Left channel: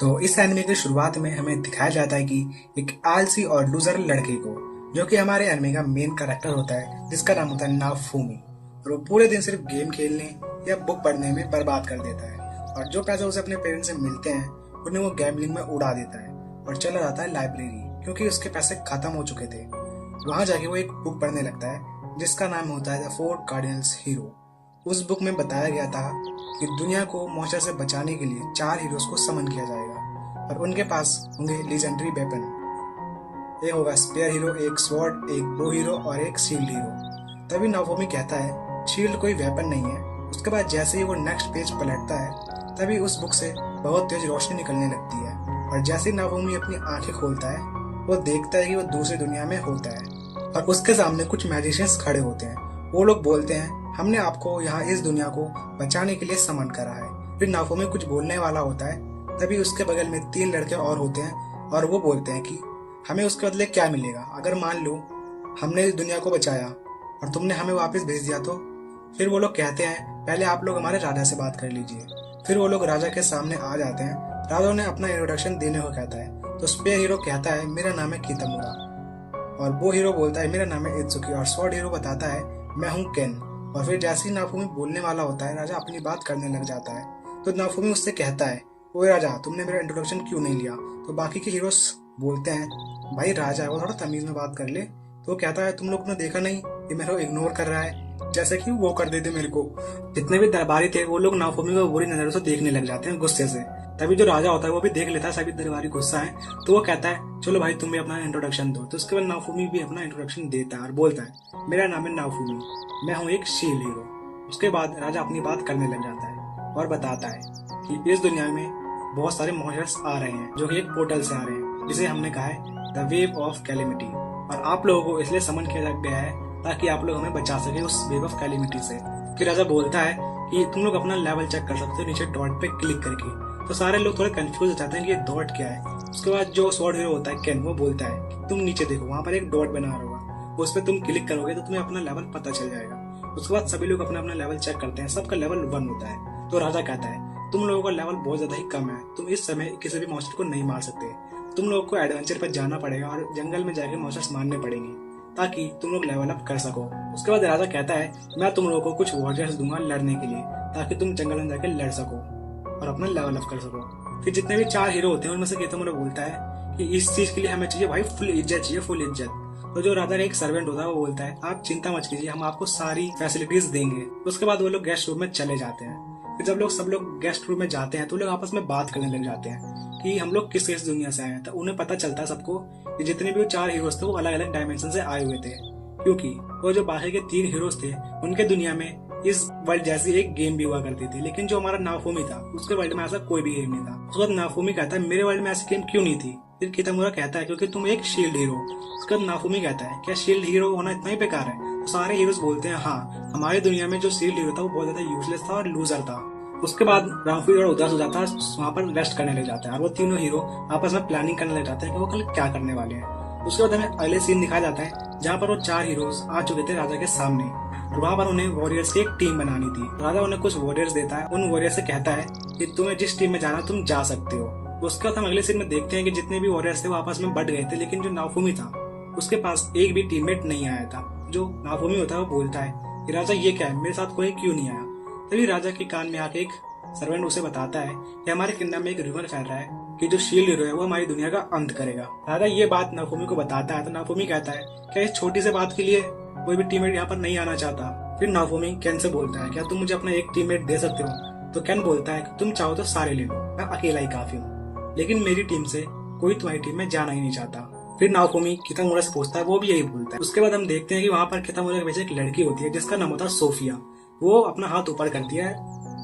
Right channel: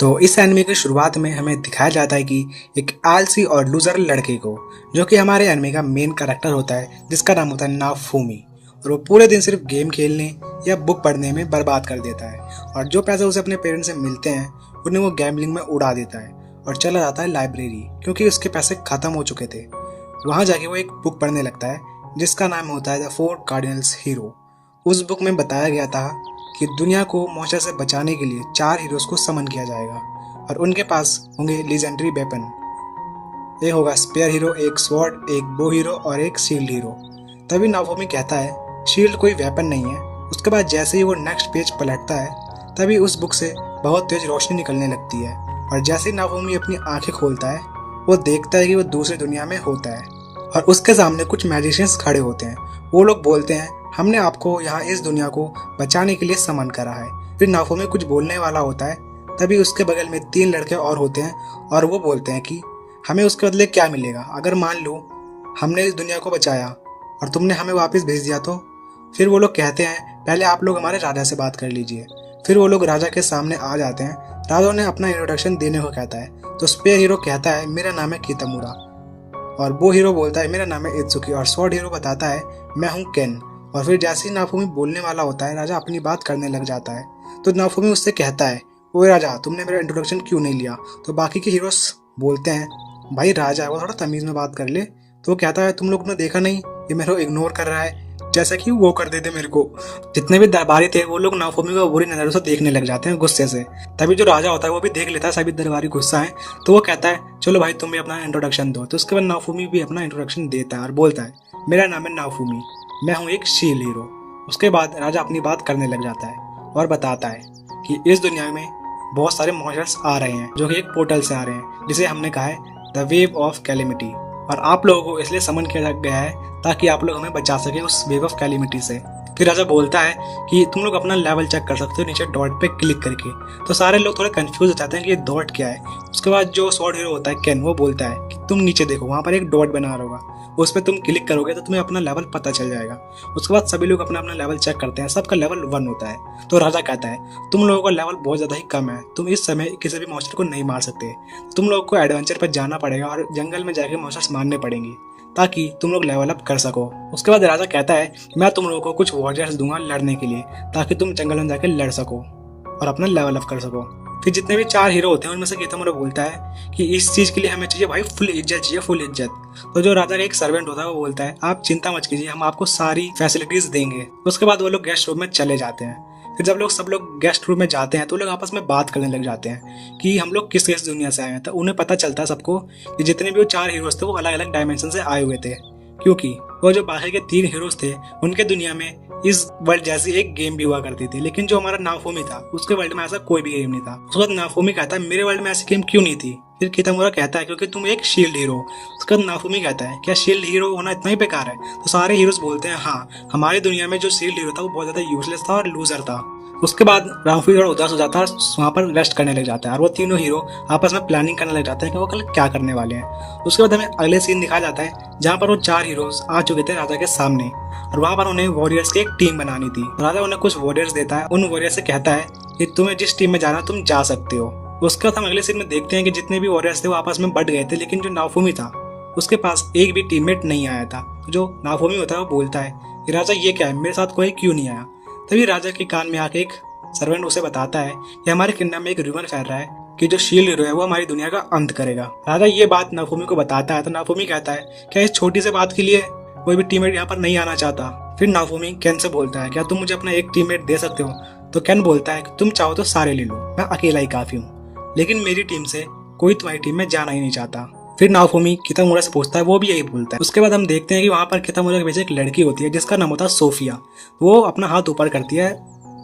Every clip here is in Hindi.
तो इस एनिमे की शुरुआत में हमें दिखाया जाता है कि एक आलसी और लूजर लड़के को, जो कि हमारे एनिमे का मेन कैरेक्टर होता है, जिसका नाम होता है नाफूमी। और वो पूरे दिन सिर्फ गेम खेलने या बुक पढ़ने में बर्बाद कर देता है, और जो पैसे उसे अपने पेरेंट्स से मिलते हैं उन्हें वो गैम्बलिंग में उड़ा देता है और चला जाता है लाइब्रेरी, क्योंकि उसके पैसे खत्म हो चुके थे। वहाँ जाके वो एक बुक पढ़ने लगता है जिसका नाम होता है द फोर कार्डिनल्स हीरो। उस बुक में बताया गया था कि दुनिया को मॉन्स्टर से बचाने के लिए 4 हीरोज को समन किया जाएगा और उनके पास होंगे लीजेंडरी वेपन। एक होगा स्पेयर हीरो, एक स्वॉर्ड, एक बो हीरो और एक शील्ड हीरो। तभी नाफोमी कहता है शील्ड कोई वेपन नहीं है। उसके बाद जैसे ही वो नेक्स्ट पेज पलटता है तभी उस बुक से बहुत तेज रोशनी निकलने लगती है, और जैसे ही नाफोमी अपनी आंखें खोलता है वो देखता है कि वो दूसरी दुनिया में होता है और उसके सामने कुछ मैजिशियंस खड़े होते हैं। वो लोग बोलते हैं हमने आपको यहाँ इस दुनिया को बचाने के लिए समन करा है। फिर नाफोमी कुछ बोलने वाला होता है, तभी उसके बगल में 3 लड़के और होते हैं और वो बोलते हैं कि हमें उसके बदले क्या मिलेगा अगर मान लो हमने इस दुनिया को बचाया और तुमने हमें वापस भेज दिया तो। फिर वो लोग कहते हैं पहले आप लोग हमारे राजा से बात कर लीजिए। फिर वो लोग राजा के सामने आ जाते हैं। राजा ने अपना इंट्रोडक्शन देने को कहता है तो स्पेयर हीरो कहता है मेरा नाम है कितामुरा, और वो हीरो बोलता है मेरा नाम है इत्सुकी, और स्वॉर्ड हीरो बताता है मैं हूँ केन। और फिर जैसे ही नाफूमी बोलने वाला होता है राजा अपनी बात करने लग जाता है। तो नाफूमी उससे कहता है ओए राजा, तुमने मेरा इंट्रोडक्शन क्यों नहीं लिया। तो बाकी के हीरोज बोलते हैं भाई राजा है, वो थोड़ा तमीज में बात कर ले। तो वो कहता है तुम लोग ने देखा नहीं ये मेरे को इग्नोर कर रहा है, जैसा कि वो कर देते मेरे को। जितने भी दरबारी थे वो लोग नाफूमी को बुरी नजरों से देखने लग जाते हैं गुस्से से। तभी जो राजा होता है वो भी देख लेता है सभी दरबारी गुस्सा है, तो वो कहता है चलो भाई तुम भी अपना इंट्रोडक्शन दो। तो उसके बाद नाफूमी भी अपना इंट्रोडक्शन देता है और बोलता है मेरा नाम है नाफूमी, मैं हूँ एक शील्ड हीरो। उसके बाद राजा अपनी बात करने लग जाता है और बताता है कि इस दुनिया में बहुत सारे मॉन्स्टर्स आ रहे हैं जो कि एक पोर्टल से आ रहे हैं, जिसे हमने कहा है द वेव ऑफ कैलेमिटी, और आप लोगों को इसलिए समन किया गया है ताकि आप लोग हमें बचा सके उस वेव ऑफ कैलेमिटी से। फिर राजा बोलता है कि तुम लोग अपना लेवल चेक कर सकते हो नीचे डॉट पे क्लिक करके। तो सारे लोग थोड़े कंफ्यूज हो जाते हैं कि ये डॉट क्या है। उसके बाद जो स्वॉर्ड हीरो होता है केन, वो बोलता है कि तुम नीचे देखो वहां पर एक डॉट बना होगा, उस पर तुम क्लिक करोगे तो तुम्हें अपना लेवल पता चल जाएगा। उसके बाद सभी लोग अपना अपना लेवल चेक करते हैं, सबका लेवल 1 होता है। तो राजा कहता है तुम लोगों का लेवल बहुत ज्यादा ही कम है, तुम इस समय किसी भी मॉन्स्टर को नहीं मार सकते। तुम लोगों को एडवेंचर पर जाना पड़ेगा और जंगल में जाके मॉन्स्टर्स मारने पड़ेंगे ताकि तुम लोग लेवल अप कर सको। उसके बाद राजा कहता है मैं तुम लोगों को कुछ वॉरियर्स दूंगा लड़ने के लिए ताकि तुम जंगल में जाके लड़ सको और अपना लेवल अप कर सको। फिर जितने भी 4 हीरो होते हैं उनमें से कितामुरा बोलता है कि इस चीज के लिए हमें चाहिए भाई फुल इज्जत चाहिए, फुल इज्जत। तो जो राजा का एक सर्वेंट होता है वो बोलता है आप चिंता मत कीजिए, हम आपको सारी फैसिलिटीज देंगे। उसके बाद वो लोग गेस्ट रूम में चले जाते हैं। फिर जब सब लोग गेस्ट रूम में जाते हैं तो लोग आपस में बात करने लग जाते हैं कि हम लोग किस किस दुनिया से आए हैं। तो उन्हें पता चलता है सबको कि जितने भी वो 4 हीरोज थे वो अलग अलग डायमेंशन से आए हुए थे, क्योंकि वो जो बाकी के 3 हीरोज थे उनके दुनिया में इस वर्ल्ड जैसी एक गेम भी हुआ करती थी, लेकिन जो हमारा नाफूमी था उसके वर्ल्ड में ऐसा कोई भी गेम नहीं था। उसके बाद नाफूमी कहता है मेरे वर्ल्ड में ऐसी गेम क्यों नहीं थी। फिर कितामुरा कहता है क्योंकि तुम एक शील्ड हीरो। उसके बाद नाफूमी कहता है क्या शील्ड हीरो होना इतना ही बेकार है। तो सारे हीरोज बोलते हैं हाँ, हमारी दुनिया में जो शील्ड हीरो था वो बहुत ज्यादा यूजलेस था और लूजर था। उसके बाद रामफी थोड़ा उदास हो जाता है, वहाँ पर रेस्ट करने लग जाता है और वो तीनों हीरो आपस में प्लानिंग करने लग जाते हैं कि वो कल क्या करने वाले हैं। उसके बाद हमें अगले सीन दिखाया जाता है जहाँ पर वो 4 हीरोज आ चुके थे राजा के सामने, और वहाँ पर उन्हें वॉरियर्स की एक टीम बनानी थी। राजा उन्हें कुछ वॉरियर्स देता है, उन वॉरियर्स से कहता है कि तुम्हें जिस टीम में जाना तुम जा सकते हो। उसके बाद हम अगले सीन में देखते हैं कि जितने भी वॉरियर्स थे वो आपस में बढ़ गए थे, लेकिन जो नाफूमी था उसके पास एक भी टीममेट नहीं आया था। जो नाफूमी होता है वो बोलता है कि राजा ये क्या है, मेरे साथ कोई क्यों नहीं आया। तभी राजा के कान में आके एक सर्वेंट उसे बताता है कि हमारे किंगडम में एक रूमर फैल रहा है कि जो शील्ड हीरो है वो हमारी दुनिया का अंत करेगा। राजा ये बात नाफूमी को बताता है तो नाफूमी कहता है क्या इस छोटी सी बात के लिए कोई भी टीममेट यहाँ पर नहीं आना चाहता। फिर नाफूमी केन से बोलता है क्या तुम मुझे अपना एक टीममेट दे सकते हो। तो केन बोलता है तुम चाहो तो सारे ले लो, मैं अकेला ही काफी हूँ, लेकिन मेरी टीम से कोई तुम्हारी टीम में जाना ही नहीं चाहता। फिर नाफूमी कितामुरा से पूछता है, वो भी यही बोलता है। उसके बाद हम देखते हैं कि वहाँ पर कितामुरा के पीछे एक लड़की होती है जिसका नाम होता है सोफिया। वो अपना हाथ ऊपर करती है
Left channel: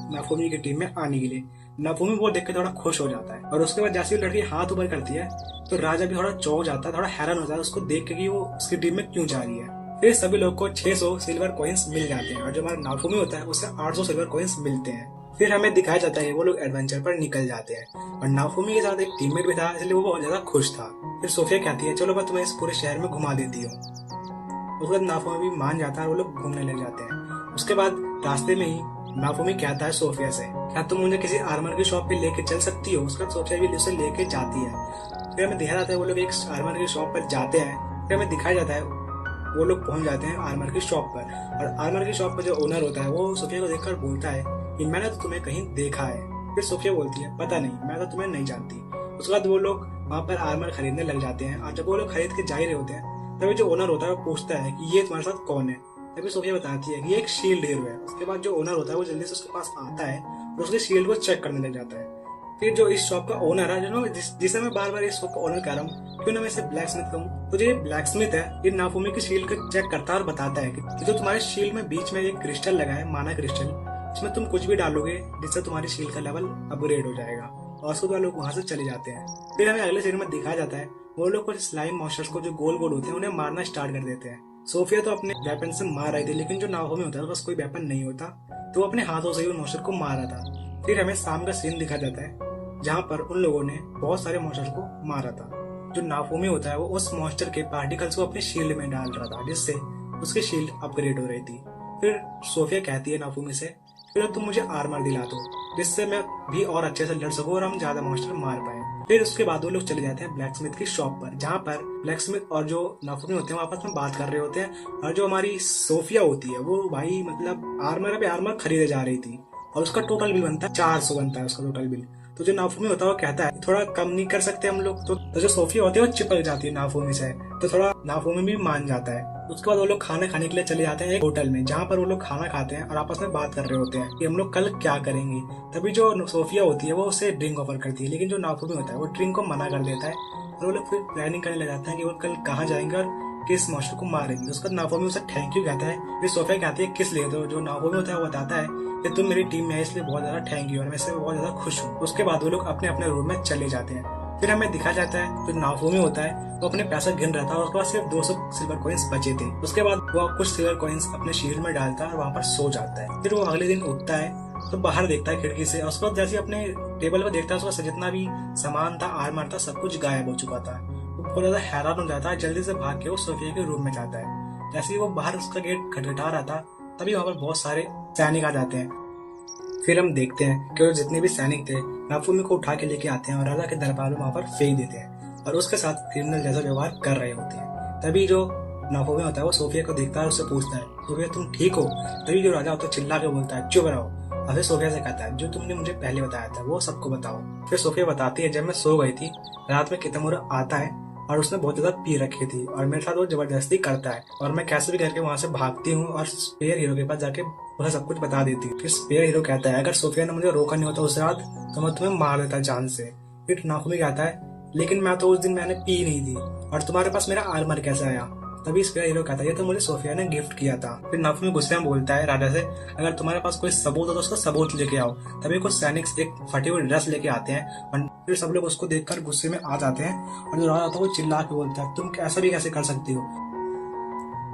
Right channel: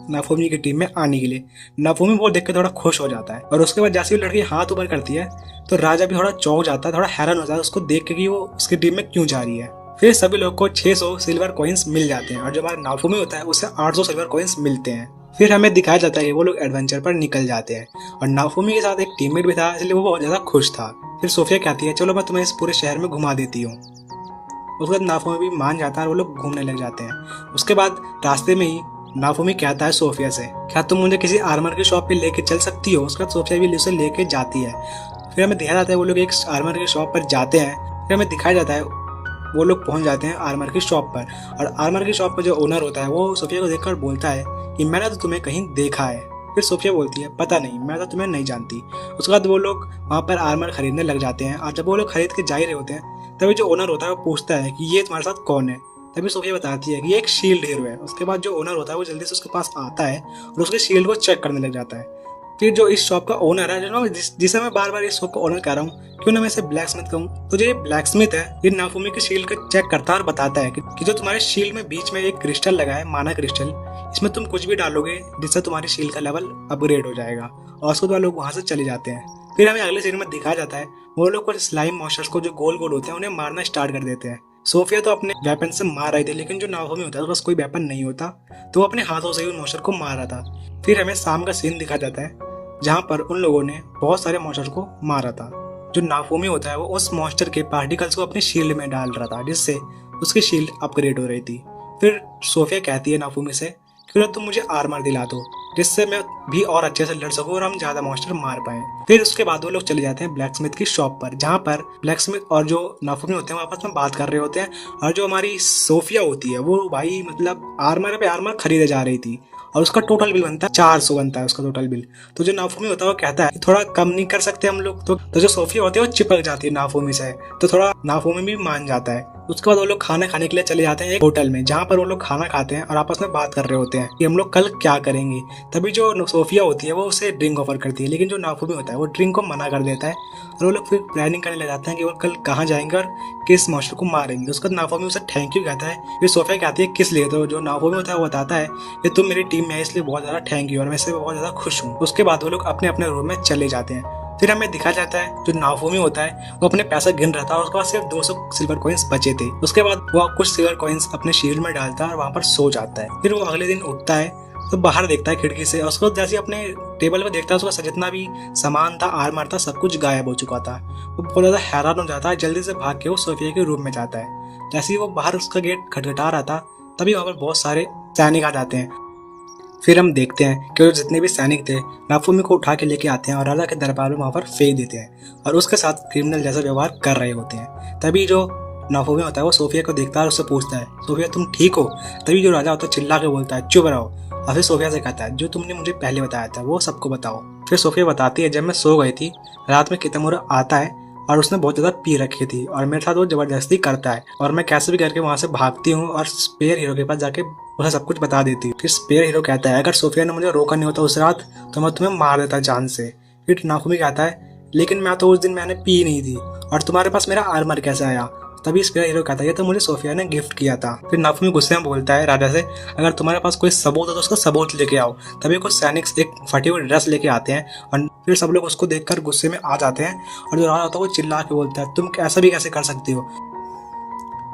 नाफूमी की टीम में आने के लिए। नाफूमी वो देख के थोड़ा खुश हो जाता है, और उसके बाद जैसे ही लड़की हाथ ऊपर करती है तो राजा भी थोड़ा चौंक जाता है, थोड़ा हैरान हो जाता है उसको देख के कि वो उसकी टीम में क्यों जा रही है। फिर सभी लोग को 600 सिल्वर कॉइन्स मिल जाते हैं और जो हमारा नाफूमी होता है उसे 800 सिल्वर कॉइन्स मिलते हैं। फिर हमें दिखाया जाता है कि वो लोग एडवेंचर पर निकल जाते हैं, और नाफूमी के साथ एक टीममेट भी था इसलिए वो बहुत ज्यादा खुश था। फिर सोफिया कहती है चलो मैं तुम्हें इस पूरे शहर में घुमा देती हूँ। उसके बाद नाफूमी भी मान जाता है और वो लोग घूमने लग जाते हैं। उसके बाद रास्ते में ही नाफुमी कहता है सोफिया से, क्या तुम मुझे किसी आर्मर की शॉप पे लेके चल सकती हो? उसके बाद सोफिया भी उसे लेके जाती है। फिर हमें दिखाया जाता है वो लोग एक आर्मर की शॉप पर जाते हैं। फिर हमें दिखाया जाता है वो लोग पहुंच जाते हैं आर्मर की शॉप पर, और आर्मर की शॉप पर जो ओनर होता है वो सोफिया को देखकर बोलता है कि मैंने तो तुम्हें कहीं देखा है। फिर सोफिया बोलती है, पता नहीं, मैं तो तुम्हें नहीं जानती। उसके बाद वो लोग वहाँ पर आर्मर खरीदने लग जाते हैं, और जब वो लोग खरीद के जा ही रहे होते हैं तभी जो ओनर होता है वो पूछता है कि ये तुम्हारे साथ कौन है। तभी सोफिया बताती है कि ये एक शील्ड हीरो है। उसके बाद जो ओनर होता है वो जल्दी से उसके पास आता है और उसके शील्ड को चेक करने लग जाता है। फिर जो इस शॉप का ओनर है, जो जिसे मैं बार बार इस शॉप का ओनर कह रहा हूँ, क्यों ना मैं इसे ब्लैक स्मिथ कहूँ, तो जो ये ब्लैक स्मिथ है ये नाफुमी की शील्ड को चेक करता है और बताता है कि जो तुम्हारे शील्ड में बीच में एक क्रिस्टल लगा है, माना क्रिस्टल, इसमें तुम कुछ भी डालोगे जिससे तुम्हारी शील्ड का लेवल अपग्रेड हो जाएगा। और उसके बाद लोग वहां से चले जाते हैं। फिर हमें अगले सीन में दिखाया जाता है वो लोग कुछ स्लाइम मॉन्स्टर्स को जो गोल गोल होते हैं उन्हें मारना स्टार्ट कर देते हैं। सोफिया तो अपने वेपन से मार रही थी, लेकिन जो नाफुमी होता है उसके पास कोई वेपन नहीं होता, तो वो अपने हाथों से ही उन मॉन्स्टर को मार रहा था। फिर हमें शाम का सीन दिखा जाता है जहाँ पर उन लोगों ने बहुत सारे मॉन्स्टर को मारा था। जो नाफुमी होता है वो उस मॉन्स्टर के पार्टिकल्स को अपनी शील्ड में डाल रहा था, जिससे उसकी शील्ड अपग्रेड हो रही थी। फिर सोफिया कहती है नाफुमी से, क्यों तुम मुझे आर्मर दिला दो जिससे मैं भी और अच्छे से लड़ सकूं और हम ज्यादा मॉन्स्टर मार पाए। फिर उसके बाद वो लोग चले जाते हैं ब्लैक स्मिथ की शॉप पर, जहाँ पर ब्लैक स्मिथ और जो नाफुमी होते हैं वो आपस में बात कर रहे होते हैं, और जो हमारी सोफिया होती है वो भाई मतलब आर्मर पे आर्मर खरीदे जा रही थी, और उसका टोटल बिल बनता है 400 बनता है उसका टोटल बिल। तो जो नाफुमी होता है वो कहता है थोड़ा कम नहीं कर सकते हम लोग? तो जो सोफिया होती है वो चिपक जाती है नाफुमी से, तो थोड़ा नाफुमी भी मान जाता है। उसके बाद वो लोग खाना खाने के लिए चले जाते हैं एक होटल में, जहाँ पर वो लोग खाना खाते हैं और आपस में बात कर रहे होते हैं कि हम लोग कल क्या करेंगे। तभी जो सोफिया होती है वो उसे ड्रिंक ऑफर करती है, लेकिन जो नाफुमी होता है वो ड्रिंक को मना कर देता है, और वो लोग फिर प्लानिंग करने लग जाते हैं कि वो कल कहाँ जाएंगे और किस मॉन्स्टर को मारेंगे। उसके बाद नाफुमी उसे थैंक यू कहता है। फिर सोफिया कहती है किस लिए? तो जो नाफुमी होता है वो बताता है कि तुम मेरी टीम में है इसलिए बहुत ज़्यादा थैंक यू, और मैं इससे बहुत ज़्यादा खुश हूँ। उसके बाद वो लोग अपने अपने रूम में चले जाते हैं। फिर हमें दिखा जाता है जो नाफुमी होता है वो अपने पैसा गिन रहा था, और उसके बाद सिर्फ 200 सिल्वर कॉइन्स बचे थे। उसके बाद वो कुछ सिल्वर कॉइन्स अपने शील्ड में डालता है और वहाँ पर सो जाता है। फिर वो अगले दिन उठता है तो बाहर देखता है खिड़की से, और उसको जैसे अपने टेबल पे देखता है उसका जितना भी सामान था, आर्मर था, सब कुछ गायब हो चुका था। वो बहुत ज़्यादा हैरान हो जाता है, जल्दी से भाग के वो सोफिया के रूम में जाता है। जैसे ही वो बाहर उसका गेट खटखटा रहा था तभी वहाँ पर बहुत सारे सैनिक आ जाते हैं। फिर हम देखते हैं कि वो जितने भी सैनिक थे नाफुमी को उठा के लेके आते हैं और राजा के दरबार में वहाँ पर फेंक देते हैं, और उसके साथ क्रिमिनल जैसा व्यवहार कर रहे होते हैं। तभी जो नाफुमी होता है वो सोफिया को देखता है और उससे पूछता है, सोफिया तुम ठीक हो? तभी जो राजा होता है चिल्ला के बोलता है, चुप रहो। और फिर सोफिया से कहता है जो तुमने मुझे पहले बताया था वो सबको बताओ। फिर सोफिया बताती है, जब मैं सो गई थी रात में कितमुरा आता है और उसने बहुत ज़्यादा पी रखी थी और मेरे साथ वो ज़बरदस्ती करता है, और मैं कैसे भी करके वहाँ से भागती हूँ और स्पेयर हीरो के पास जाके उसे सब कुछ बता देती हूँ। फिर स्पेयर हीरो कहता है अगर सोफिया ने मुझे रोका नहीं होता उस रात तो मैं तुम्हें मार देता जान से। फिर नाफुमी कहता है लेकिन मैं तो उस दिन मैंने पी नहीं थी, और तुम्हारे पास मेरा आर्मर कैसे आया? तभी स्पेयर हीरो कहता है ये तो मुझे सोफिया ने गिफ्ट किया था। फिर नाफुमी गुस्से में बोलता है राजा से, अगर तुम्हारे पास कोई सबूत है तो उसका सबूत लेके आओ। तभी कुछ सैनिक एक फटी हुई ड्रेस लेके आते हैं, और फिर सब लोग उसको देखकर गुस्से में आ जाते हैं, और जो राजा होता है वो चिल्ला के बोलता है तुम ऐसा भी कैसे कर सकती हो?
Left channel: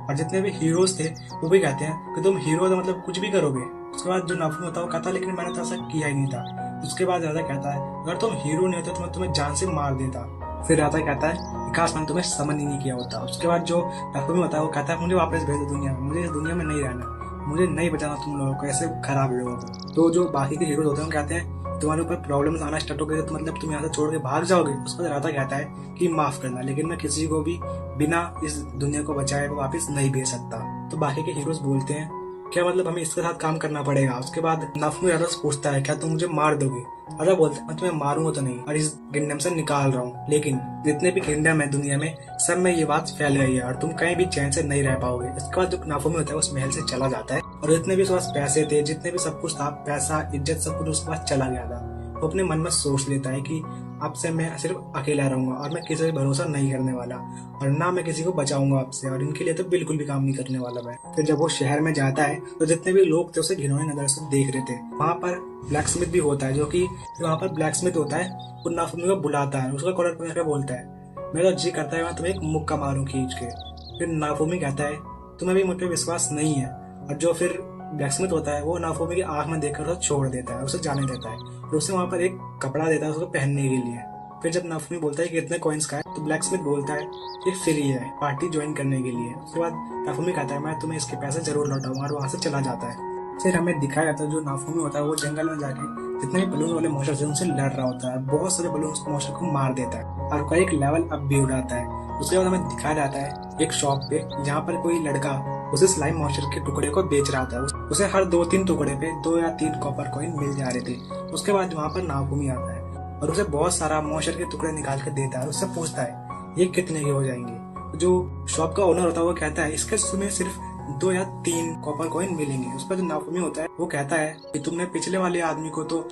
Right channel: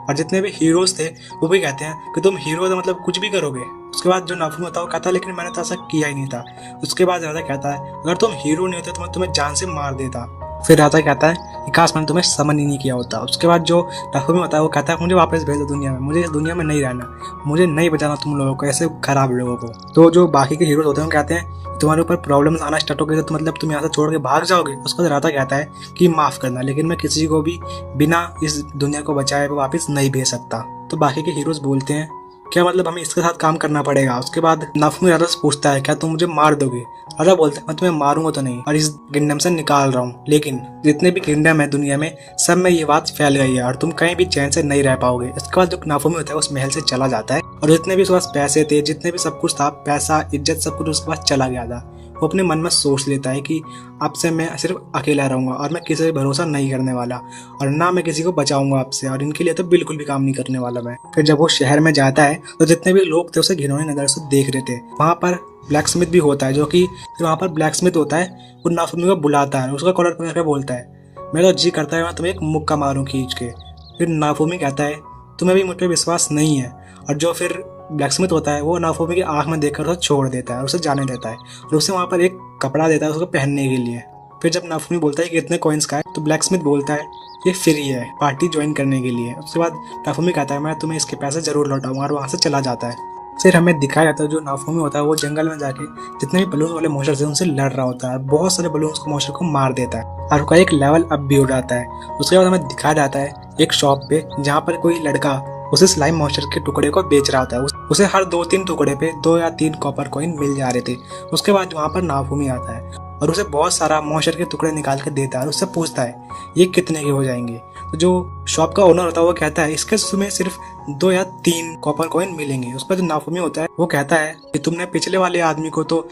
और जितने भी हीरोज थे वो भी कहते हैं कि तुम हीरो तो मतलब कुछ भी करोगे। उसके बाद जो नाफुमी होता है वो कहता है लेकिन मैंने तो ऐसा किया ही नहीं था। उसके बाद राजा कहता है अगर तुम हीरो नहीं होते तो मैं तुम्हें जान से मार देता। फिर राजा कहता है कि काश मैंने तुम्हें समन ही नहीं किया होता। उसके बाद जो नाफुमी होता है वो कहता है मुझे वापस भेज दो दुनिया में, मुझे इस दुनिया में नहीं रहना, मुझे नहीं बचाना तुम लोगों को, ऐसे खराब लोगों को। तो जो बाकी के हीरोज होते हैं वो कहते हैं तुम्हारे ऊपर प्रॉब्लम्स आना स्टार्ट हो गए तो मतलब तुम यहाँ से छोड़ के भाग जाओगे। उसके बाद राजा कहता है कि माफ़ करना, लेकिन मैं किसी को भी बिना इस दुनिया को बचाए वापस नहीं भेज सकता। तो बाकी के हीरोज बोलते हैं क्या मतलब हमें इसके साथ काम करना पड़ेगा? उसके बाद नाफुमी राजा से पूछता है क्या तुम मुझे मार दोगे? राजा बोलता है मैं तुम्हें मारूंगा तो नहीं, और इस किंगडम से निकाल रहा हूँ, लेकिन जितने भी किंगडम है दुनिया में सब में ये बात फैल गई है और तुम कहीं भी चैन से नहीं रह पाओगे। इसके बाद जो नाफुमी होता है उस महल से चला जाता है, और जितने भी उसके पास पैसे थे, जितने भी सब कुछ था, पैसा इज्जत सब कुछ उसके पास चला गया था। वो अपने मन में सोच लेता है कि अब से मैं सिर्फ अकेला रहूंगा और मैं किसी पर भरोसा नहीं करने वाला, और ना मैं किसी को बचाऊंगा आपसे, और इनके लिए तो बिल्कुल भी काम नहीं करने वाला मैं। फिर जब वो शहर में जाता है तो जितने भी लोग थे उसे घिनौनी नजर से देख रहे थे। वहाँ पर ब्लैक स्मिथ भी होता है, जो कि वहाँ पर ब्लैक स्मिथ होता है वो नाफुमी को बुलाता है, उसका कॉलर पकड़ के बोलता है मेरा जी करता है मैं तुम्हें एक मुक्का मारूं खींच के। फिर नाफुमी कहता है तुम्हें भी मुझ पर विश्वास नहीं है, और जो फिर ब्लैक स्मिथ होता है वो नाफुमी की आंख में देखकर उसे छोड़ देता है, उसे जाने देता है, और उसे वहाँ पर एक कपड़ा देता है उसको पहनने के लिए। फिर जब नाफुमी बोलता है कि इतने कॉइन्स का है, तो ब्लैक स्मिथ बोलता है ये फ्री है पार्टी ज्वाइन करने के लिए। उसके बाद नाफुमी कहता है मैं तुम्हें इसके पैसे जरूर लौटाऊंगा, और वहाँ से चला जाता है। फिर हमें दिखाया जाता है जो नाफूमी होता है वो जंगल में जाके जितने भी बलून वाले मॉन्स्टर्स हैं उनसे लड़ रहा होता है। बहुत सारे बलून को मॉन्स्टर को मार देता है और उसका एक लेवल अप भी हो जाता है। उसके बाद हमें दिखाया जाता है एक शॉप पे जहाँ पर कोई लड़का उसे स्लाइम मॉन्स्टर के टुकड़े को बेच रहा होता है। उसे हर 2-3 टुकड़े पे 2 या 3 कॉपर कॉइन मिल जा रहे थे। उसके बाद वहाँ पर नाफूमी आता है और उसे बहुत सारा मॉन्स्टर के टुकड़े निकाल के देता है और उससे पूछता है ये कितने के हो जाएंगे। तो जो शॉप का ओनर होता है वो कहता है इसके तुम्हें सिर्फ 2 या 3 कॉपर कॉइन मिलेंगे। उसका जो नाफूमी होता है वो कहता है कि तुमने पिछले वाले आदमी को तो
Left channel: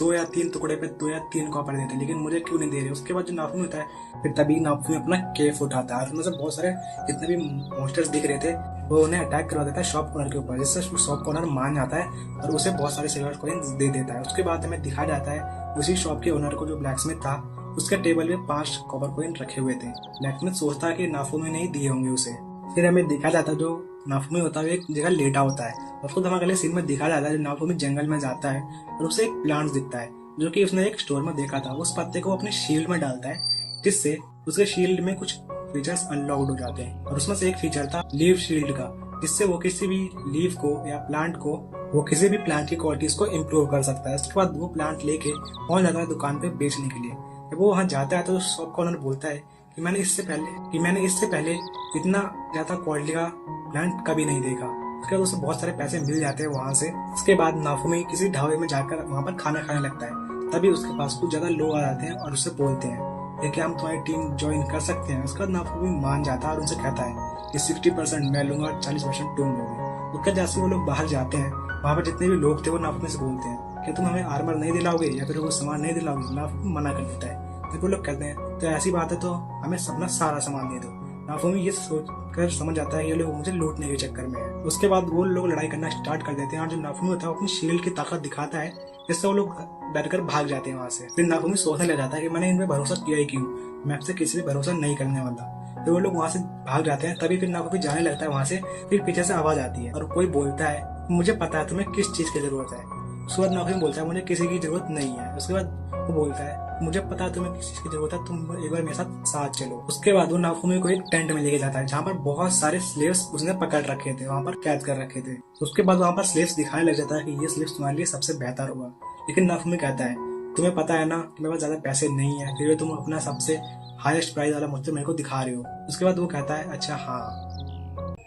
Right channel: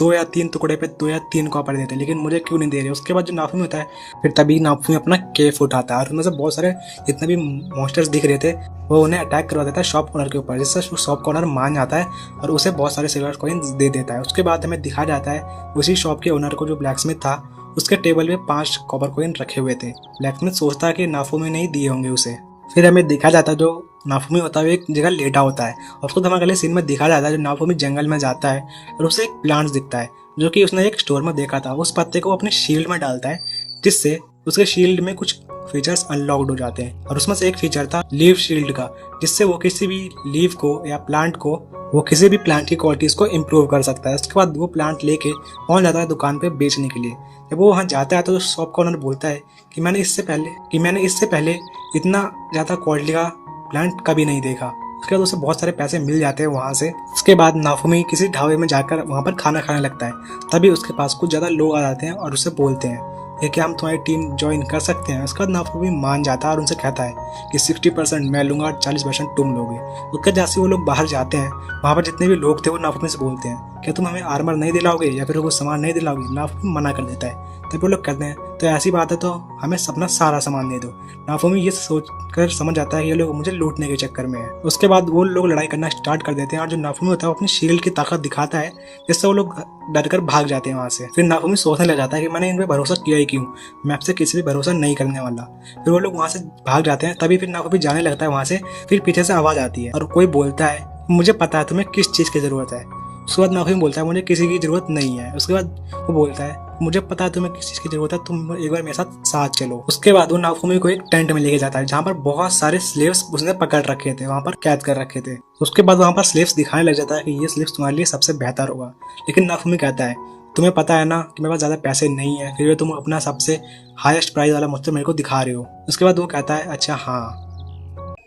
2 या 3 टुकड़े पे 2 या 3 कॉपर देते लेकिन मुझे क्यों नहीं दे रहे। उसके बाद जो नाफूमी होता है फिर तभी नाफूमी अपना केफ उठाता है और उनमें से बहुत सारे जितने भी मॉन्स्टर्स दिख रहे थे वो उन्हें अटैक करवा देता है शॉप ओनर के ऊपर, जिससे शॉप ओनर मान जाता है और उसे बहुत सारे सिल्वर कॉइन्स दे देता है। उसके बाद हमें दिखाया जाता है उसी शॉप के ओनर को जो ब्लैकस्मिथ था उसके टेबल में 5 कॉपर कॉइन रखे हुए थे। ब्लैकस्मिथ सोचता है कि नाफूमी नहीं दिए होंगे उसे। फिर हमें दिखा जाता है जो नाफूमी होता है वो एक जगह लेटा होता है और उसको धमाके वाले सीन में दिखा जाता है जो नाफूमी जंगल में जाता है और उसे एक प्लांट दिखता है जो कि उसने एक स्टोर में देखा था। उस पत्ते को अपने शील्ड में डालता है जिससे उसके शील्ड में कुछ फीचर्स अनलॉक्ड हो जाते हैं और उसमें से एक फीचर था लीव शील्ड का, जिससे वो किसी भी लीव को या प्लांट को वो किसी भी प्लांट की क्वालिटीज को इम्प्रूव कर सकता है। उसके बाद वो प्लांट लेके पहुंच जाता है दुकान पे बेचने के लिए। जब वो वहाँ जाता है तो शॉप का ओनर बोलता है कि मैंने इससे पहले इतना ज़्यादा क्वालिटी का प्लांट कभी नहीं देखा। उसके बाद उसे बहुत सारे पैसे मिल जाते हैं वहाँ से। उसके बाद नाफूमी किसी ढाबे में जाकर वहाँ पर खाना खाने लगता है। तभी उसके पास कुछ ज़्यादा लोग आ जाते हैं और उससे बोलते हैं कि क्या हम तुम्हारी टीम ज्वाइन कर सकते हैं। उसके बाद नाफूमी मान जाता है और उनसे कहता है कि 60% मैं लूँगा और 40% तुम लोगे। उसके जैसे वो लोग बाहर जाते हैं वहाँ पर जितने भी लोग थे वो नाफूमी से बोलते हैं क्या तुम हमें आर्मर नहीं दिलाओगे या फिर वो सामान नहीं दिलाओगे। नाफूमी मना कर देता है। तब वो लोग कहते हैं तो ऐसी बात है तो हमें अपना सारा सामान दे दो। नाफूमी ये सोच कर समझ जाता है ये लोग मुझे लूटने के चक्कर में है। उसके बाद वो लोग लड़ाई करना स्टार्ट कर देते हैं और जो नाफूमी होता है वो अपनी शील्ड की ताकत दिखाता है जिससे वो लोग डर कर भाग जाते हैं वहाँ से। फिर नाफूमी सोचने लग जाता है कि मैंने इन पर भरोसा किया ही क्यों, मैं आपसे किसी भी भरोसा नहीं करने वाला। फिर वो लोग वहाँ से भाग जाते हैं। तभी फिर नाफूमी जाने लगता है वहाँ से। फिर पीछे से आवाज़ आती है और कोई बोलता है मुझे पता है तुम्हें किस चीज़ की ज़रूरत है। उसके बाद नाफूमी बोलता है मुझे किसी की ज़रूरत नहीं है। उसके बाद वो बोलता है मुझे पता है तुम्हें किस चीज़ की ज़रूरत है, तुम एक बार मेरे साथ चलो। उसके बाद वो नाफूमी को एक टेंट में लेके जाता है जहाँ पर बहुत सारे स्लेव्स उसने पकड़ रखे थे, वहाँ पर कैद कर रखे थे। उसके बाद वहाँ पर स्लेव्स दिखाने लग जाता है कि ये स्लेव्स तुम्हारे लिए सबसे बेहतर होगा। लेकिन नाफूमी कहता है तुम्हें पता है ना कि मेरे पास ज़्यादा पैसे नहीं है, फिर भी तुम अपना सबसे हाईएस्ट प्राइस वाला मुझसे मेरे को दिखा रहे हो। उसके बाद वो कहता है अच्छा हाँ।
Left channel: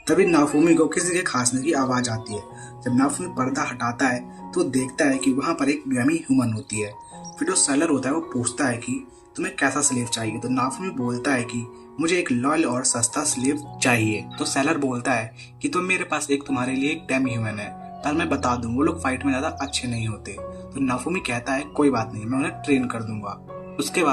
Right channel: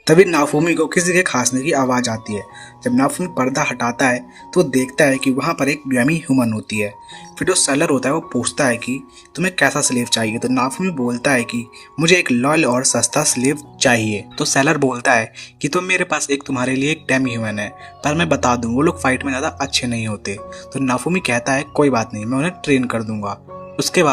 तभी नाफूमी को किसी के खांसने की आवाज़ आती है। जब नाफूमी पर्दा हटाता है तो देखता है कि वहाँ पर एक डेमी ह्यूमन होती है। फिर जो सेलर होता है वो पूछता है कि तुम्हें कैसा स्लेव चाहिए। तो नाफूमी बोलता है कि मुझे एक लॉयल और सस्ता स्लेव चाहिए। तो सेलर बोलता है कि तो मेरे पास तुम्हारे लिए एक डेमी ह्यूमन है, पर मैं बता दूँ वो लोग फाइट में ज़्यादा अच्छे नहीं होते। तो नाफूमी कहता है कोई बात नहीं, मैं उन्हें ट्रेन कर दूंगा। उसके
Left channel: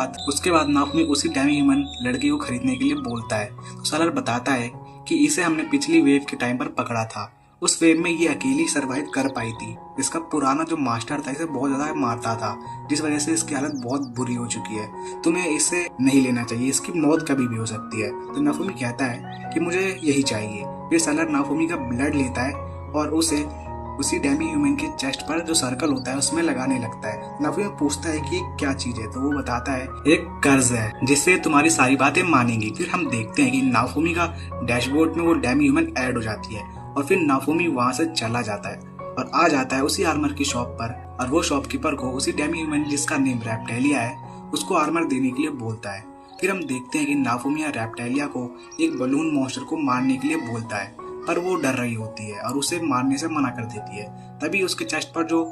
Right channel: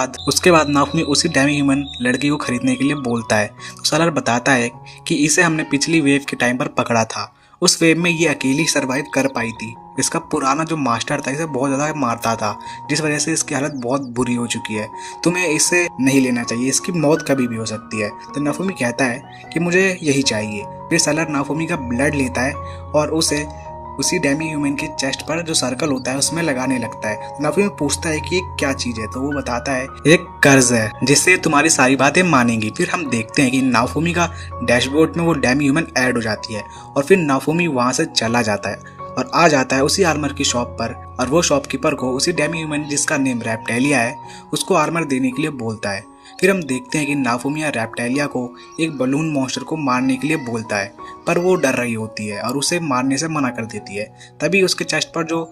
बाद नाफूमी उसी डेमी ह्यूमन लड़की को खरीदने के लिए बोलता है। तो सेलर बताता है कि इसे हमने पिछली वेव के टाइम पर पकड़ा था, उस वेव में ये अकेली सरवाइव कर पाई थी। इसका पुराना जो मास्टर था इसे बहुत ज़्यादा मारता था जिस वजह से इसकी हालत बहुत बुरी हो चुकी है। तुम्हें इसे नहीं लेना चाहिए, इसकी मौत कभी भी हो सकती है। तो नाफूमी कहता है कि मुझे यही चाहिए। फिर सेलर नाफूमी का ब्लड लेता है और उसे उसी डेमी ह्यूमन के चेस्ट पर जो सर्कल होता है उसमें लगाने लगता है। नाफूमी पूछता है कि ये क्या चीज है। तो वो बताता है एक कर्ज है जिससे तुम्हारी सारी बातें मानेंगी। फिर हम देखते हैं कि नाफूमी का डैशबोर्ड में वो डेमी ह्यूमन ऐड हो जाती है और फिर नाफूमी वहां से चला जाता है और आ जाता है उसी आर्मर की शॉप पर और वो शॉपकीपर को उसी डेमी ह्यूमन जिसका नेम रेप्टेलिया है उसको आर्मर देने के लिए बोलता है। फिर हम देखते हैं कि नाफूमी रेप्टेलिया को एक बलून मॉन्स्टर को मारने के लिए बोलता है, पर वो डर रही होती है और उसे मारने से मना कर देती है। तभी उसके चेस्ट पर जो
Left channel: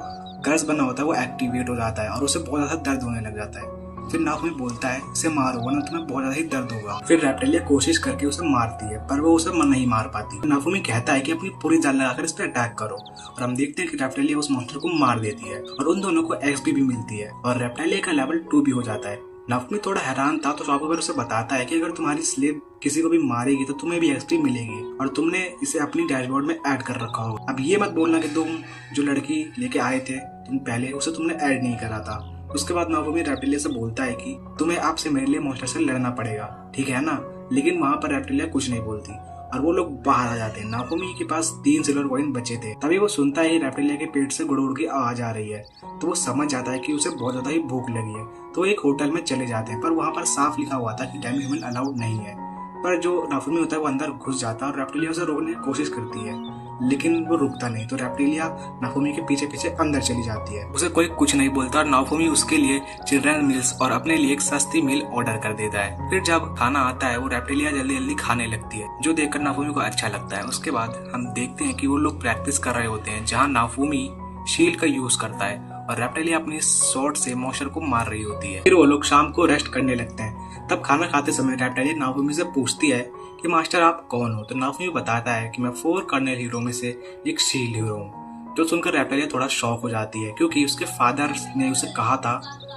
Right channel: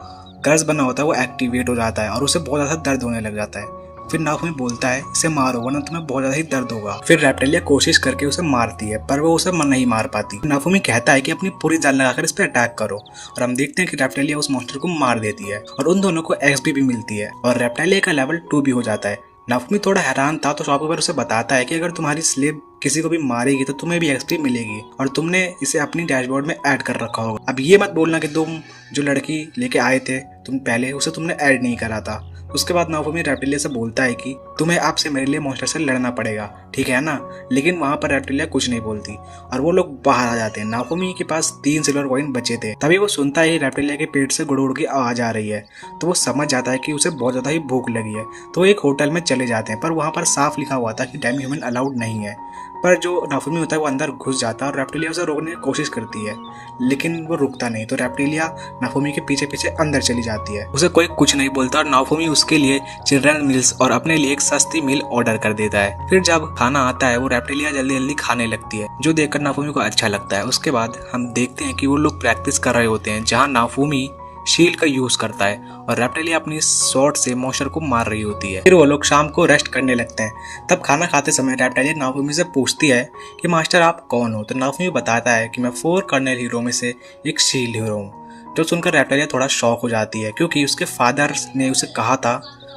कर्ज बना होता है वो एक्टिवेट हो जाता है और उसे बहुत ज़्यादा दर्द होने लग जाता है। फिर नाफूमी बोलता है इसे मारो वरना तुम्हें बहुत ज़्यादा ही दर्द होगा। फिर रेप्टेलिया कोशिश करके उसे मारती है पर वो उसे नहीं मार पाती। नाफूमी कहता है कि अपनी पूरी जान लगाकर इस पर अटैक करो और हम देखते हैं कि रेप्टेलिया उस मॉन्स्टर को मार देती है और उन दोनों को एक्सपी भी मिलती है और रेप्टेलिया का लेवल 2 भी हो जाता है। नाफूमी थोड़ा हैरान था तो शॉपकीपर उसे बताता है कि अगर तुम्हारी स्लेव किसी को भी मारेगी तो तुम्हें भी एक्सपी मिलेगी और तुमने इसे अपनी डैशबोर्ड में ऐड कर रखा होगा। अब ये मत बोलना कि तुम जो लड़की लेके आए थे तुम पहले उसे तुमने ऐड नहीं करा था। उसके बाद नाफूमी रेप्टेलिया से बोलता है कि तुम्हें आपसे मेरे लिए मॉन्स्टर से लड़ना पड़ेगा, ठीक है ना। लेकिन वहाँ पर रेप्टेलिया कुछ नहीं बोलती और वो लोग बाहर आ जाते हैं। नाफूमी के पास 3 सिल्वर कॉइन बचे थे। तभी वो सुनता है रेप्टेलिया के पेट से गुड़ की आवाज आ रही है तो वो समझ जाता है कि उसे बहुत ज्यादा ही भूख लगी है। तो वो एक होटल में चले जाते हैं पर वहाँ पर साफ लिखा हुआ था कि डेमी ह्यूमन अलाउड नहीं है। पर जो नाफुमी होता है वो अंदर घुस जाता है और रेप्टिलिया उसे रोकने की कोशिश करती है, लेकिन वो रुकता नहीं। तो रेप्टिलिया नाफुमी के पीछे पीछे अंदर चली जाती है। उसे कोई कुछ नहीं बोलता और नाफुमी उसके लिए चिल्ड्रन मील्स और अपने लिए एक सस्ती मील ऑर्डर कर देता है। फिर जब खाना आता है वो रेप्टिलिया जल्दी जल्दी खाने लगती है, जो देखकर नाफुमी को अच्छा लगता है। उसके बाद हम देखते हैं कि वो लोग प्रैक्टिस कर रहे होते हैं, जहाँ नाफुमी शील्ड का यूज करता है और रेप्टिलिया अपनी शॉट से मॉन्स्टर को मार रही होती है। फिर वो लोग शाम को रेस्ट करने लगते हैं। तब खाना खाते समय रेप्टिलिया नाफुमी से पूछती है कि मास्टर आप कौन हो। तो नाफुमी बताता है कि मैं 4 कर्नल हीरो में से एक शील्ड हीरो हूँ। जो सुनकर रेप्टिलिया थोड़ा शॉक हो जाती है, क्योंकि उसके फादर ने उसे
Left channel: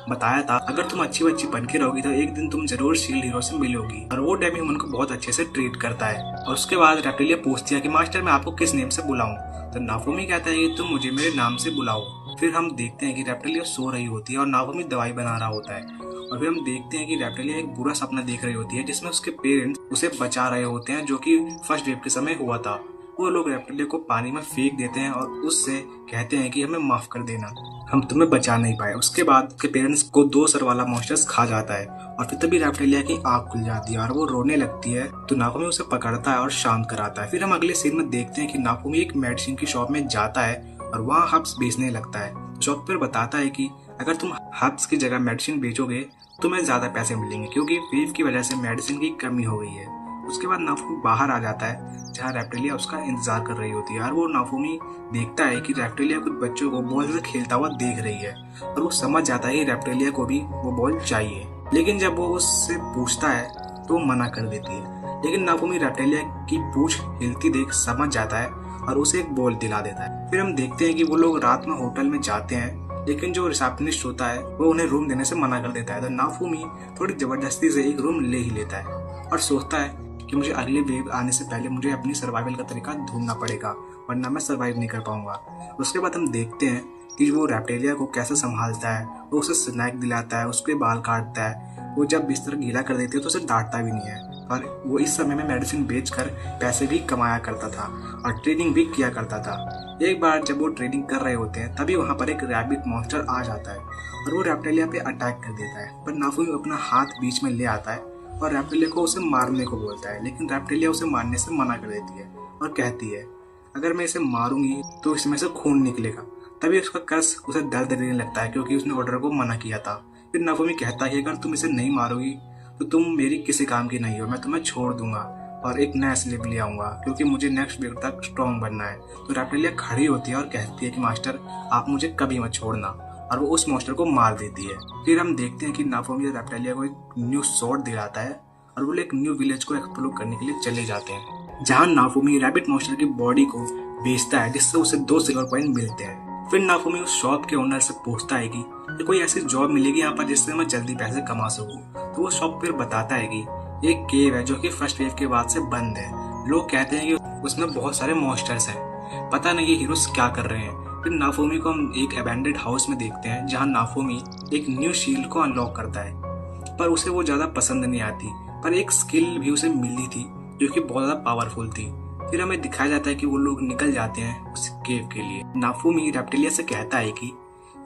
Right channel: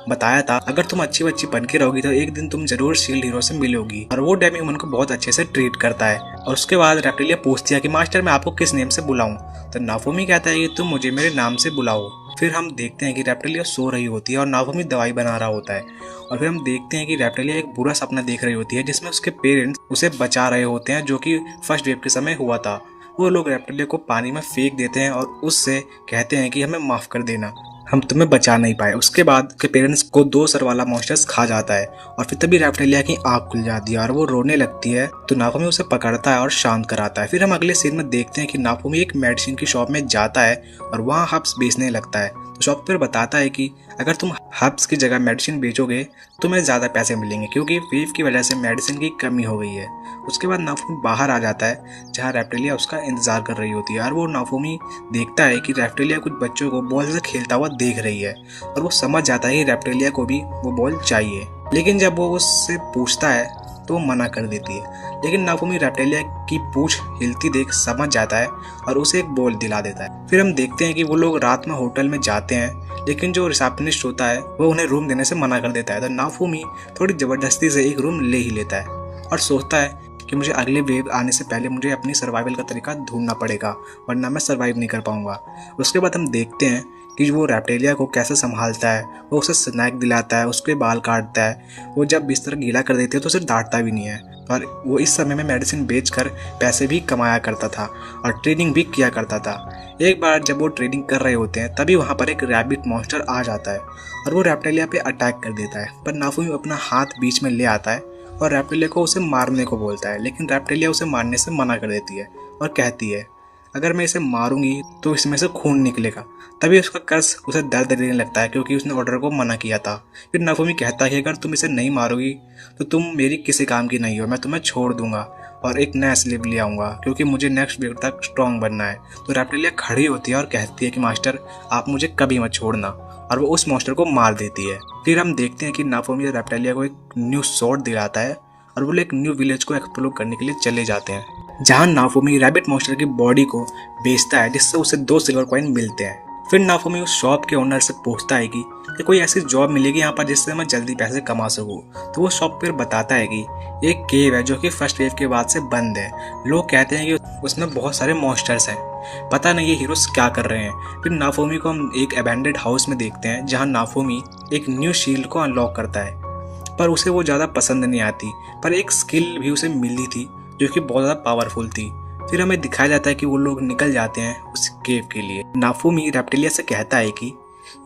बताया था अगर तुम अच्छी बच्ची बन के रहोगी तो एक दिन तुम जरूर शील्ड हीरो से मिलोगी। और वो डेमी ह्यूमन को बहुत अच्छे से ट्रीट करता है। और उसके बाद रेप्टिलिया पूछती है कि मास्टर मैं आपको किस नेम से बुलाऊं। तो नाफुमी कहता है कि तुम मुझे मेरे नाम से बुलाओ। फिर हम देखते हैं कि रेप्टिलिया सो रही होती है और नाफुमी दवाई बना रहा होता है। और फिर हम देखते हैं कि रेप्टिलिया एक बुरा सपना देख रही होती है, जिसमें उसके पेरेंट्स उसे बचा रहे होते हैं, जो कि फर्स्ट वेव के समय हुआ था। वो लोग रेप्टिलिया को पानी में फेंक देते हैं और उससे कहते हैं कि हमें माफ कर देना, हम तुम्हें बचा नहीं पाए। उसके बाद उसके पेरेंट्स को 2 सर वाला मॉन्स्टर्स खा जाता है और फिर तभी रेप्टिलिया की आँख खुल जाती है और वो रोने लगती है। तो नाफुमी उसे पकड़ता है और शांत कराता है। फिर हम अगले सीन में देखते हैं कि नाफुमी एक मेडिसिन की शॉप में जाता है और वहाँ हर्ब्स बेचने लगता है। तो शॉपकीपर बताता है कि अगर तुम हर्ब्स की जगह मेडिसिन बेचोगे तुम्हें ज़्यादा पैसे मिलेंगे, क्योंकि वेव की वजह से मेडिसिन की कमी हो गई है। उसके बाद नाफुमी बाहर आ जाता है, जहाँ रेप्टिलिया उसका इंतजार कर रही होती है। और वो नाफुमी देखता है कि रेप्टिलिया कुछ बच्चों को बॉल से खेलता हुआ देख रही है और वो समझ जाता है कि रेप्टिलिया को भी वो बॉल चाहिए। लेकिन जब वो उससे पूछता है तो वो मना कर देती है। लेकिन नाफुमी रेप्टिलिया की पूंछ हिलती देख समझ जाता है और उसे एक बॉल दिला देता है। फिर हम देखते हैं कि वो लोग रात में होटल में जाते हैं, लेकिन जो रिसेप्शनिस्ट होता है वो उन्हें रूम देने से मना कर देता है। तो नाफुमी थोड़ी जबरदस्ती से एक रूम ले ही लेता है और सोचता है कि मुझे अगले वेव आने से पहले मुझे अपनी सर्वाइवल का तरीका ढूंढना पड़ेगा, वरना मैं सर्वाइव नहीं कर पाऊंगा। उसके बाद हम देखते हैं कि वो रेप्टिलिया को कैसे संभालता है। वो उसे स्नैक दिलाता है, उसके बाल काटता है। वो जब बिस्तर गीला कर देती है तो उसे डांटता भी नहीं है। और वो इस समय में मेडिसिन बेचकर पैसे भी कमाया करता था और ट्रेनिंग भी किया करता था। एक बार जब वो ट्रेनिंग कर रहे होते हैं तभी वहाँ पर एक रैबिट मॉन्स्टर आ जाता है और वो रेप्टिलिया पे अटैक कर देता है। पर नाफुमी अपना हाथ बीच में ले आता है और रेप्टिलिया को उसे मारने को बोलता है, लेकिन रेप्टिलिया उसे मारने से मना कर देती है और कहती है अगर मैं इसे मारूंगी तो इसमें से खून निकलेगा। तभी उसका कर्स उसे दर्द देने लगता है, क्योंकि उसने ऑर्डर को मना किया था। फिर नाफुमी कहता है कि अगर तुम इसे नहीं मारोगी तो तुम मेरी किसी काम की नहीं हो, मैं तुम्हें छोड़ दूंगा और एक नया स्लेव ले आऊंगा, क्योंकि मुझे नेक्स्ट वेव तक स्ट्रॉन्ग बनना है। तो रेप्टिलिया खड़ी होती है और कहती है कि मास्टर आप मुझे कभी मत छोड़ना, और वो उस मॉन्स्टर को मार देती है। फिर हम देखते हैं कि नाफुमी रेप्टिलिया को एक न्यू स्वॉर्ड दिलाता है और वो लोग एक न्यू विलेज को एक्सप्लोर करने के लिए चले जाते हैं, जहाँ नाफुमी रैबिट मॉन्स्टर की बॉडी को बेचता है, जिससे उसे 2 सिल्वर कॉइन मिलते हैं। फिर नाफुमी उस शॉप के ओनर से पूछता है कि कोई ऐसी जॉब मिलेगी यहाँ पर जिससे मैं जल्दी पैसे कमा सकूँ। तो वो शॉप पर बताता है कि एक केव है जो कि फर्स्ट वेव के बाद से बंद है। लोग कहते हैं कि उसमें बहुत सारे मॉन्स्टर्स हैं, पता नहीं ये हीरोज क्या कर रहे हैं। फिर नाफुमी को हम एक अबैंडेड हाउस में देखते हैं, जहाँ नाफुमी एक न्यू शील्ड को अनलॉक करता है, पर उसे वो ज़्यादा पसंद नहीं आती। पर एक स्किल भी उसे मिली थी जो कि बहुत ज़्यादा पावरफुल थी। फिर हमें दिखाया जाता है कि वो लोग निकल जाते हैं उस केव के लिए। नाफुमी रेप्टिलिया से कहता है कि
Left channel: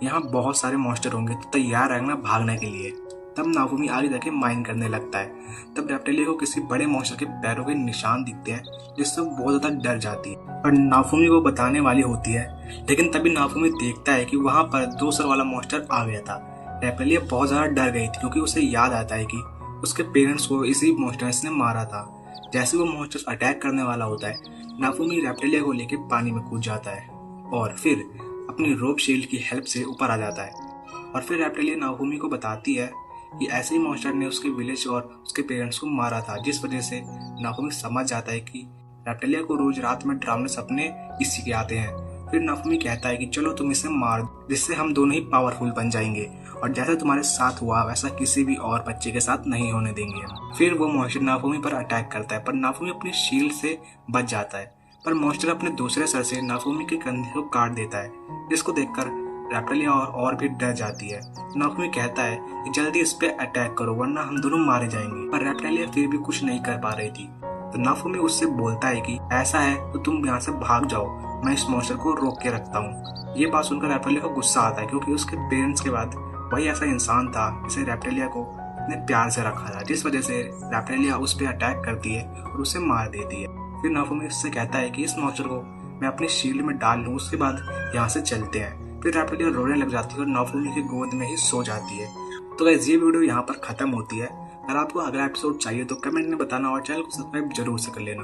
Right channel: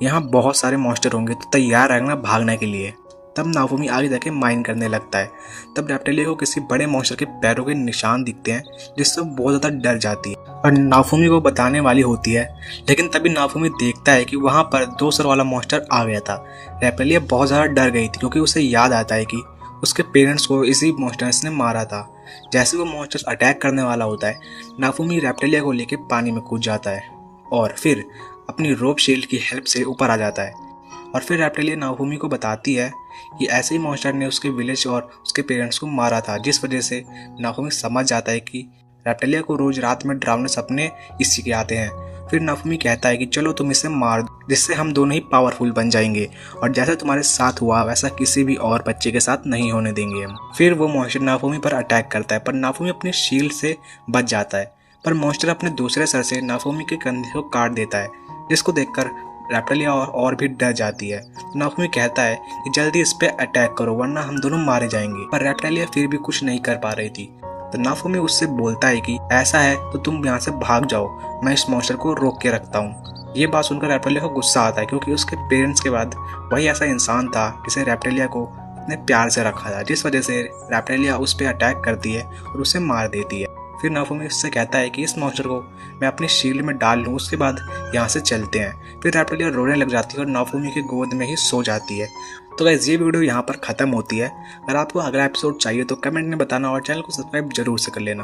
यहाँ बहुत सारे मॉन्स्टर होंगे, तो तैयार रहना भागने के लिए। तब नाफुमी आगे जाके माइन करने लगता है। तब रेप्टिलिया को किसी बड़े मॉन्स्टर के पैरों के निशान दिखते हैं, जिससे वो बहुत ज़्यादा डर जाती है और नाफुमी को बताने वाली होती है। लेकिन तभी नाफुमी देखता है कि वहाँ पर 2 सर वाला मॉन्स्टर आ गया था। रेप्टिलिया बहुत ज़्यादा डर गई थी, क्योंकि उसे याद आता है कि उसके पेरेंट्स को इसी मॉन्स्टर्स ने मारा था। जैसे वो मॉन्स्टर्स अटैक करने वाला होता है, नाफुमी रेप्टिलिया को लेकर पानी में कूद जाता है और फिर अपनी रोप शील्ड की हेल्प से ऊपर आ जाता है। और फिर रेप्टिलिया नाफुमी को बताती है कि ऐसे ही मॉन्स्टर ने उसके विलेज और उसके पेरेंट्स को मारा था, जिस वजह से नाफुमी समझ जाता है कि रेप्टिलिया को रोज रात में डरावने सपने इसी के आते हैं। फिर नाफुमी कहता है कि चलो तुम इसे मार दो, जिससे हम दोनों ही पावरफुल बन जाएंगे और जैसा तुम्हारे साथ हुआ वैसा किसी भी और बच्चे के साथ नहीं होने देंगे हम। फिर वो मॉन्स्टर नाफुमी पर अटैक करता है, पर नाफुमी अपनी शील्ड से बच जाता है। पर मॉन्स्टर अपने दूसरे सर से नाफुमी के कंधे को काट देता है, जिसको देखकर रेप्टिलिया और भी डर जाती है। नाफुमी कहता है कि जल्दी इस पे अटैक करो, वरना हम दोनों मारे जाएंगे। पर रेप्टिलिया फिर भी कुछ नहीं कर पा रही थी। तो नाफुमी उससे बोलता है कि ऐसा है तो तुम यहाँ से भाग जाओ, मैं इस मॉन्स्टर को रोक के रखता हूँ। ये बात सुनकर रेप्टिलिया को गुस्सा आता है, क्योंकि उसके पेरेंट्स के बाद वही ऐसा इंसान था जिसे रेप्टिलिया को अपने प्यार से रखा था, जिस वजह से रैप्टिलिया उस पर अटैक करती है और उसे मार देती है। फिर नाफूमी उससे कहता है कि इस मॉन्स्टर को मैं अपनी शील्ड में डाल लूँ, उसके बाद यहाँ से चलते हैं। फिर रैप्टिलिया रोने लग जाती है और नाफूमी की गोद में ही सो जाती है। तो गाइस, ये वीडियो यहाँ पर ख़त्म होती है। अगर आपको अगला एपिसोड चाहिए तो कमेंट में बताना और चैनल को सब्सक्राइब जरूर से कर लेना।